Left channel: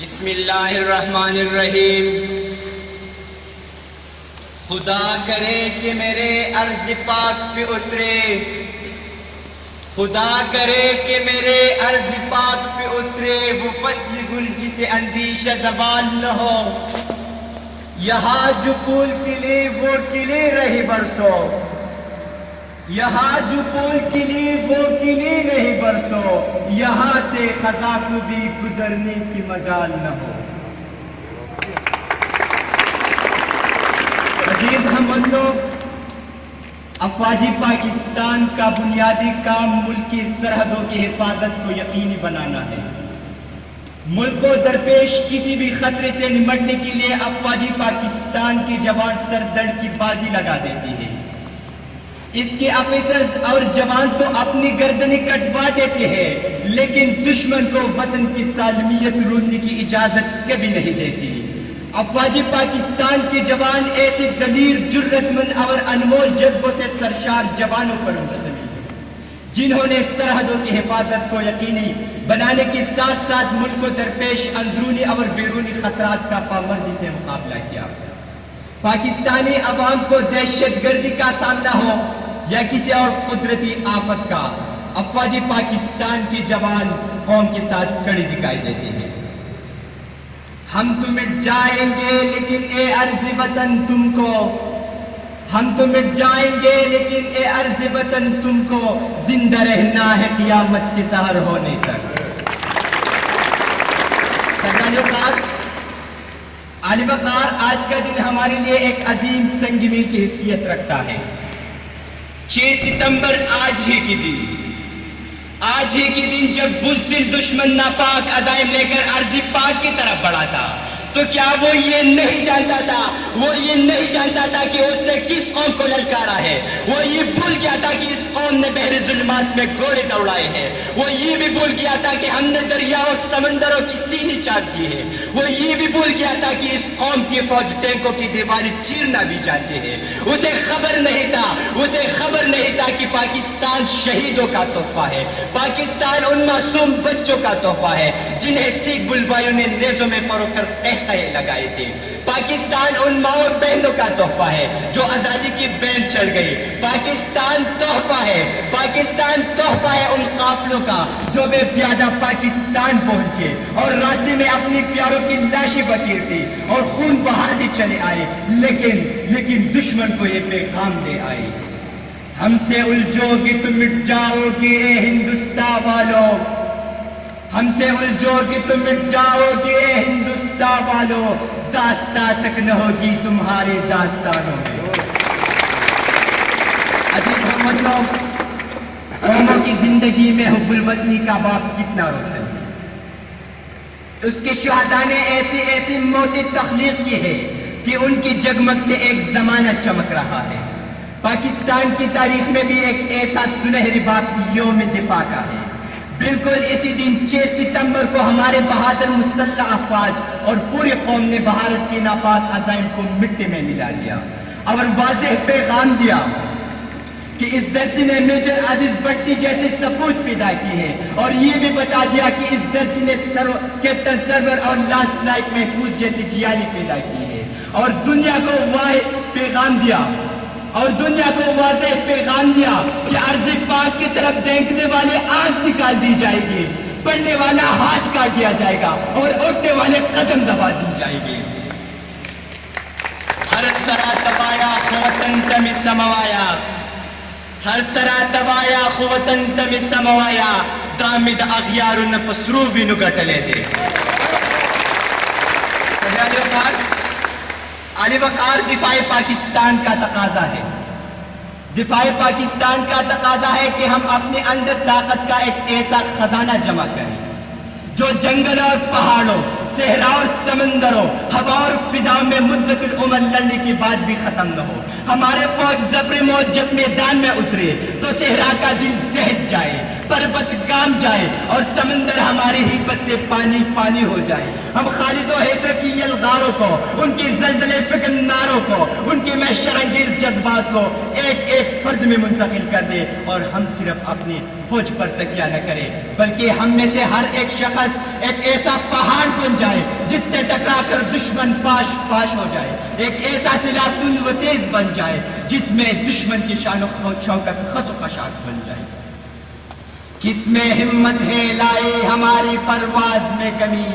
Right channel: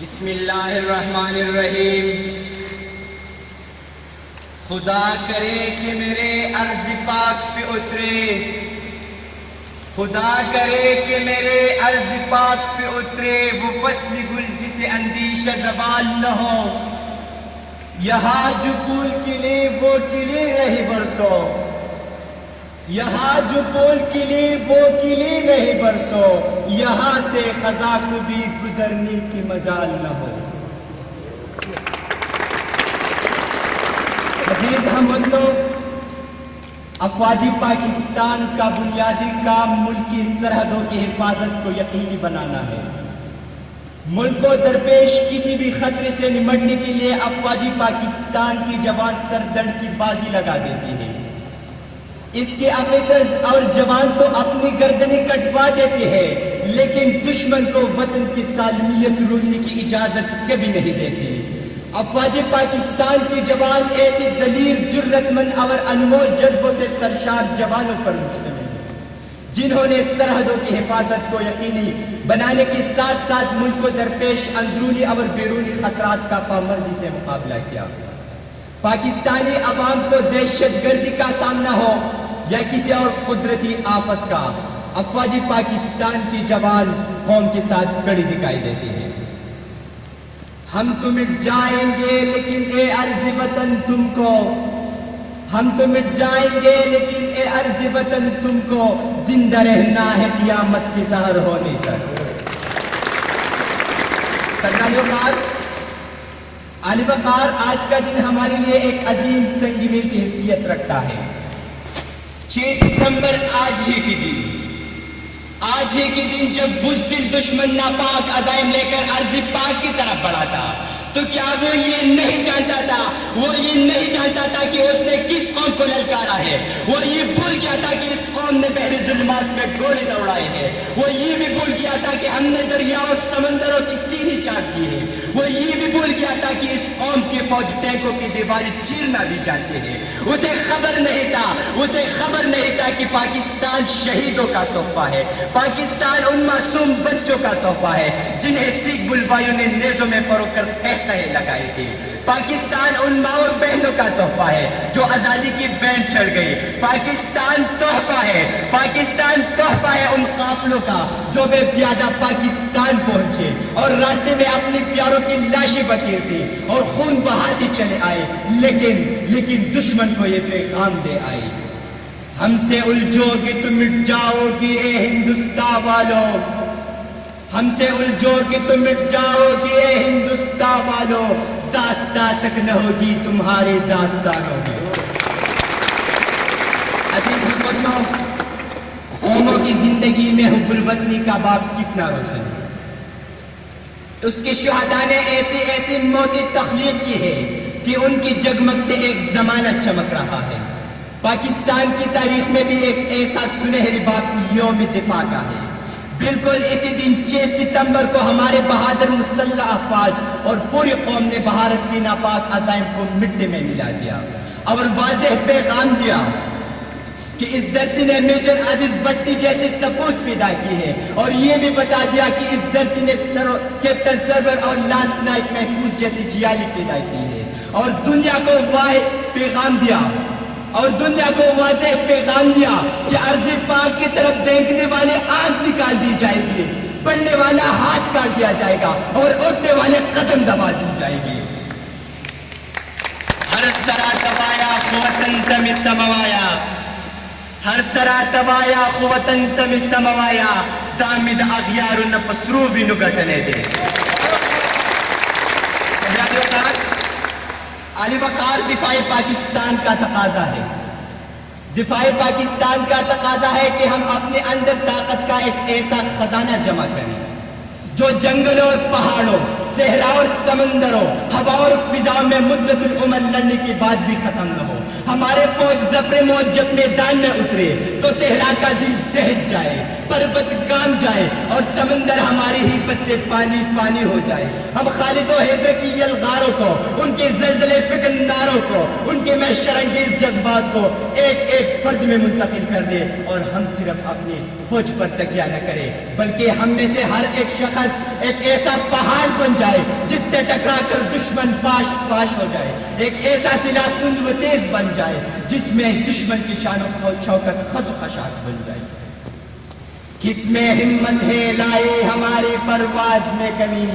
بسم اللہ الرحمن الرحیم۔ خدا کرے کہ میرے عرض پاک پہ اترے، خدا کرے کہ میرے عرض پاک پہ اترے وہ فصل گل جسے اندیشہ زوال نہ ہو۔ یہاں جو پھول کھلے وہ کھلے رہے برسوں، یہاں جو پھول کھلے وہ کھلے رہے برسوں، یہاں سے خزاں کو بھی گزرنے کی مجال نہ ہو۔ عزیز ہم لوگ، افواج پاکستان کا بنیادی کام ملک کی سرحدوں کی حفاظت کو یقینی بنانا ہے۔ ملک کو درپیش کسی بھی خطرے سے نمٹنے کے لیے افواج پاکستان کی جوان سردرد کی بازی لگا دیتی ہے۔ اس کے آفیسرز اور جوان تو اپنی گردنیں کٹوا دیتے ہیں، لیکن دشمن کو وطن کی سالمیت روندنے کی اجازت کبھی نہیں دیتی۔ افواج پاکستان کے جوان ایسے دلیر، جرت مند اور انمول جذبوں سے سرشار جوانوں پر مشتمل ہیں، جنہوں نے سرحدوں کی حفاظت کو یقینی بنانے کے ساتھ ساتھ ملک کو درپیش اندرونی اور بیرونی خطرات کا پامردی سے مقابلہ کیا۔ پاکستانی عوام کو دہشت گردی کا سامنا ہو یا کسی اور قدرتی آفت کا، افواج پاکستان کی جوان قوم کے ساتھ کھڑی دکھائی دیتی ہیں۔ ہم تو مٹ جائیں گے لیکن اے عرض وطن تم کو، ہم تو مٹ جائیں گے لیکن اے عرض وطن تم کو زندہ رہنا ہے قیامت کے سحر ہونے تک۔ عالی وقار، آج کا دن ہمارے لیے ایک عظیم سنگ میل کی حیثیت رکھتا ہے۔ 6 ستمبر آج ہی کی دن، آج ہی کی دن جب بزدل دشمن ناپاک عزائم لے کر ارض پاک کی طرف بڑھا تھا، تو کیا وہ یہ نہیں جانتا تھا، وہ یہ نہیں جانتا تھا کہ اس نے کس قوم کو للکارا ہے؟ وہ یہ بھول گیا تھا کہ اس قوم نے بحر ظلمات میں گولے دوڑائے ہیں۔ وہ یہ بھی بھول گیا تھا کہ ہم نے دریاؤں سمندروں کی سینی چاک کی ہے۔ وہ یہ بھی بھول گیا تھا کہ اس قوم کی فوج ٹینکوں کی دیواریں چیرنا بھی جانتے ہیں۔ اسے خبر نہیں تھا، اسے خبر نہیں تھا کہ پاکستان شہیدوں کا تحفہ ہے، پاکستان ان معصوم بچوں کا تحفہ ہے جنہیں سکھ بلوایوں نے نیزوں میں پرو کر قہقہے لگائے تھے۔ پاکستان ان ماؤں بہنوں کا تحفہ ہے جو آزادی کی بین چڑھ گئی۔ پاکستان تحفہ ہے، پاکستان تحفہ ہے ان قافلوں کا جو بے پیادہ پاکستان پہنچے اور راستے میں اپنی پیاروں کی لاشیں بکیرتے اور خون بہاتے چلے آئے، لیکن دشمن کو یہ پیغام دے آئے، ہم سے الجھو گے تو مٹ جاؤ گے اے ہندوستان والوں، ہم سے الجھو گے تو مٹ جاؤ گے اے ہندوستان والوں، داستاں تک نہ ہوگی تمہارے داستانوں میں۔ عزیز ہم وطنوں، قوموں کی زندگی میں حب الوطنی کا باب کتنا روشن ہے۔ اس کے شہداء نے ایسی ایسی موتیں تخلیق کی ہے کہ ان کی جگمگ سے ایک زمانہ چمک رہا ہے۔ پاکستان کی تاریخ میں بھی ایک ایسا سنہری باب یوم دفاع کا ہے۔ بالکل اسی دن 6 ستمبر کو ہمارے بہادر مسلح افواج اور پوری قوم نے بھارت کی ناپاک عزائم کو مٹی میں ملا دیا اور واضح پیغام دیا کہ اس دھرتی نے میجر عزیز بھٹی جیسے سپوت پیدا کی ہے، اور یہ بھی بتا دیا کہ اس دھرتی نے کیپٹن سرور اور لانس نائک محفوظ جیسی جیالی پیدا کی ہے، اور دنیا کو واحد پیغام دیا اور دنیا کو واضح پیغام دیا کہ ارض پاک کی طرف دیکھنے والے آنکھ نکال دی جائے گی، پڑھنے والا ہاتھ کاٹ دیا جائے گا اور اٹھنے والے قدم دبا دی جائے گی۔ ہر سرا تبایا خوتن تم سموایا، ہر سرا تبایا خوتن تم سموایا، دامد اغیار نپسرو بھی نگٹلے دے۔ علی وقار، دفاع پاکستان کا تقاضا ہے، دفاع پاکستان کا تقاضا ہے کہ ہم اپنے اندر طاقت کا ایک ایسا خزانہ جمع کریں جو جنگلوں اور پہاڑوں، صحرا اور سمندروں، ہوا اور فضاؤں میں مدت العمر لڑنے کے بعد بھی ختم نہ ہو۔ ہمارے فوج زبر موت جب میدان میں اترے تو صحرا کا دل دہک جائے، پربت گام جائے اور سمندر ہماری ہمت سے پانی پانی ہو جائے. ہم خالد و حیدر کی یلغاروں کو، ان کے زلزلے فکنداروں کو، ان کے محشر انگیز جذبات کو ایک ایک فرد میں منتقل کر دے اور ہم صرف اپنی فوج پر تکیہ نہ کرے بلکہ ہم میں سے ہر ایک شخص ایک ایسا پہاڑ بن جائے جس سے ٹکرا کر دشمن پاش پاش ہو جائے. ایک ایسا سلاح تند و تیز بن جائے جس میں دشمن کی شان و شوکت خز و خشاک بن جائے. کس میں ہمت ہے لائے ہماری پرواز میں کمی،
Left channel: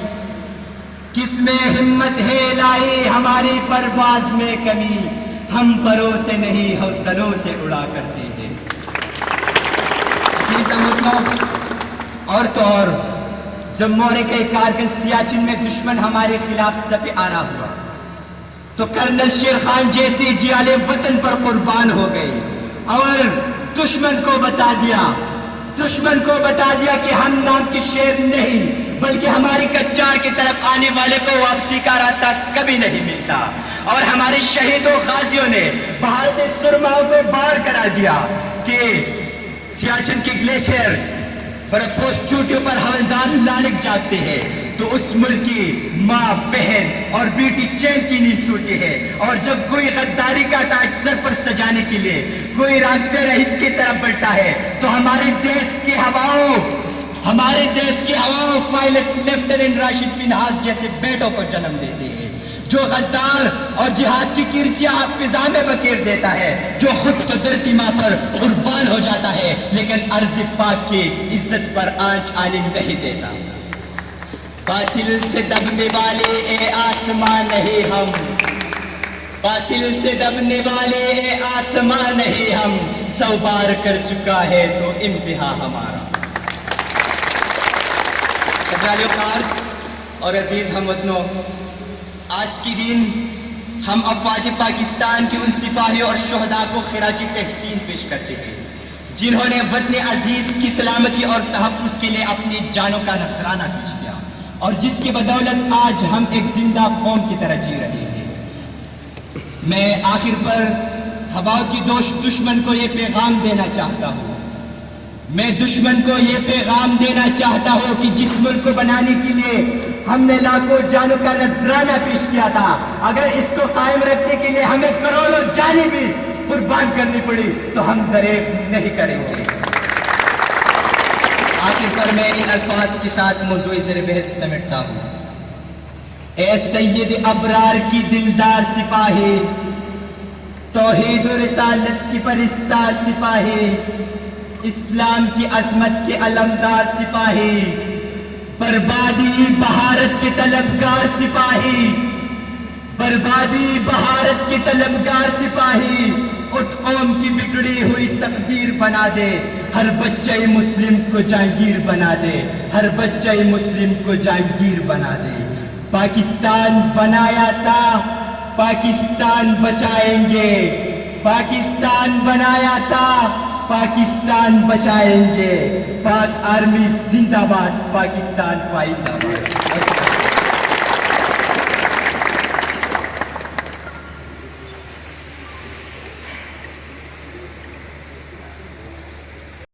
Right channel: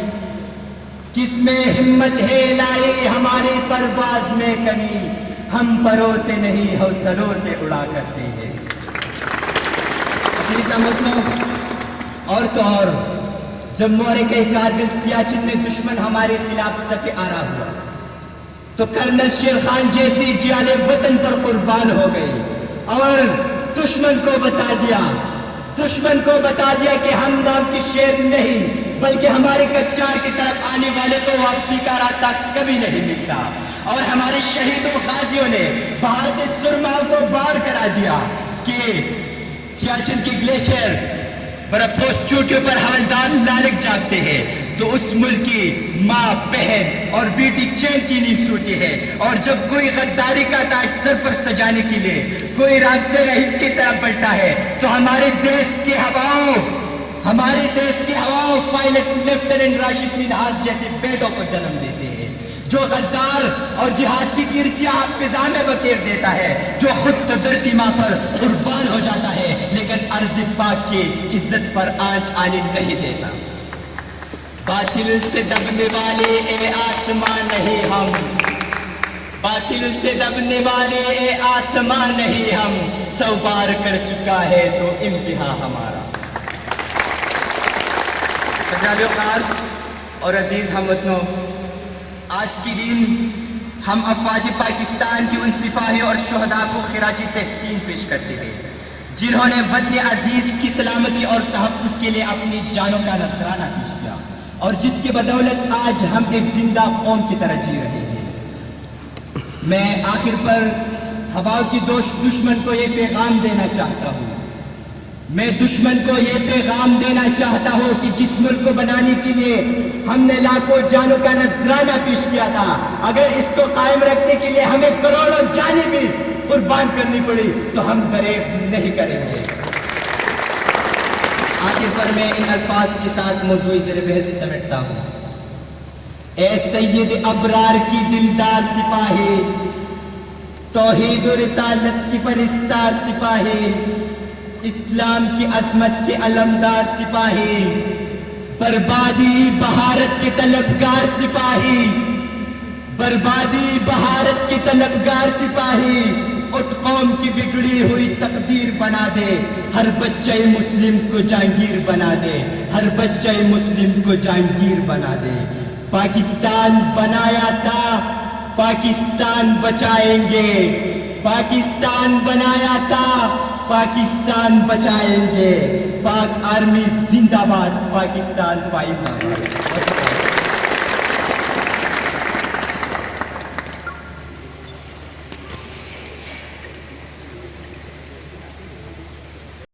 کس میں ہمت ہے لائے ہماری پرواز میں کمی، ہم پروں سے نہیں حوصلوں سے اڑا کرتے ہیں. اور تو اور جب معرکہ کارگل سیاچن میں دشمن ہمارے خلاف صف آرا ہوا تو کرنل شیر خان جیسی جیال وطن پر قربان ہو گئی اور دشمن کو بتا دیا کہ ہم نام کے شیر نہیں بلکہ ہماری کچار کی طرف آنے والے کو واپسی کا راستہ کبھی نہیں ملتا. اور ہمارے شہیدوں غازیوں نے بھارت سرما کو بار کرا دیا کہ سیاچن کی گلیشیر برفوس چوٹیوں پر حوالدار لالک جاگتے ہیں تو اس ملک کی ماں بہن اور بیٹی چین کی نیند سوتی ہے. اور جب کوئی غداری کا تاج سر پر سجانے کے لیے کوئی راگ سے رہت کی طرف بڑھتا ہے تو ہمارے دیش کی ہواؤں پائلٹ لیفٹیننٹ راشد منہاس جیسے بیٹوں کو جنم دیتے ہیں جو غدار اور جہاز کی کرچیاں فضا میں بکیر دیتا ہے، جو خود تو دھرتی ماں پر قربان ہو جاتا ہے لیکن ارض پاک کی عزت پر آنچ آنے نہیں دیتا. باطل سے دبنے والے اے آسمان نہیں ہم، باطل سے دبنے والے اے آسمان نہیں ہم، 100 بار کر چکا ہے تو انتہا ہمارا. سجاد وقار اور عزیز ہم وطنوں، آج کی دن ہم افواج پاکستان کی ان سپاہی اور شہداء کو خراج تحسین پیش کرتے ہیں جنہوں نے وطن عزیز کی سلامتی اور تحفظ کے لیے اپنی جانوں کا نذرانہ پیش کیا اور جس کی بدولت آج ہم ایک زندہ قوم کی طرح جی رہے ہیں. میں آخر پر ہواؤں کی دشمن کو یہ پیغام دینا چاہتا ہوں، میں دشمن کو یہ پیغام دینا چاہتا ہوں کہ جس ملک کو بنانے کے لیے ہم نے لاکھوں جانوں کا نذرانہ پیش کیا تھا، اگر اس کو قائم رکھنے کے لیے ہمیں کروڑوں جانیں بھی قربان کرنی پڑی تو ہم دریغ نہیں کریں گے. آخر پر میں ان الفاظ کے ساتھ موضوع زیر بحث سمیٹتا ہوں. اے سید ابرار کی دلدار سپاہی، توحید و رسالت کی پرستار سپاہی، اسلام کی عظمت کے علمدار سپاہی، بربادی بہارت کے طلبگار سپاہی، بربادی بہارت کے طلبگار سپاہی، اٹھ قوم کی بگڑی ہوئی تقدیر بنا دے، ہر بچہ مسلم کو جہانگیر بنا دے، ہر بچہ مسلم کو جہانگیر بنا دے. پاکستان بنایا تھا، پاکستان بچائیں گے، پاکستان بنایا تھا، پاکستان بچائیں گے. پاک آرمی زندہ باد، پاکستان پائندہ.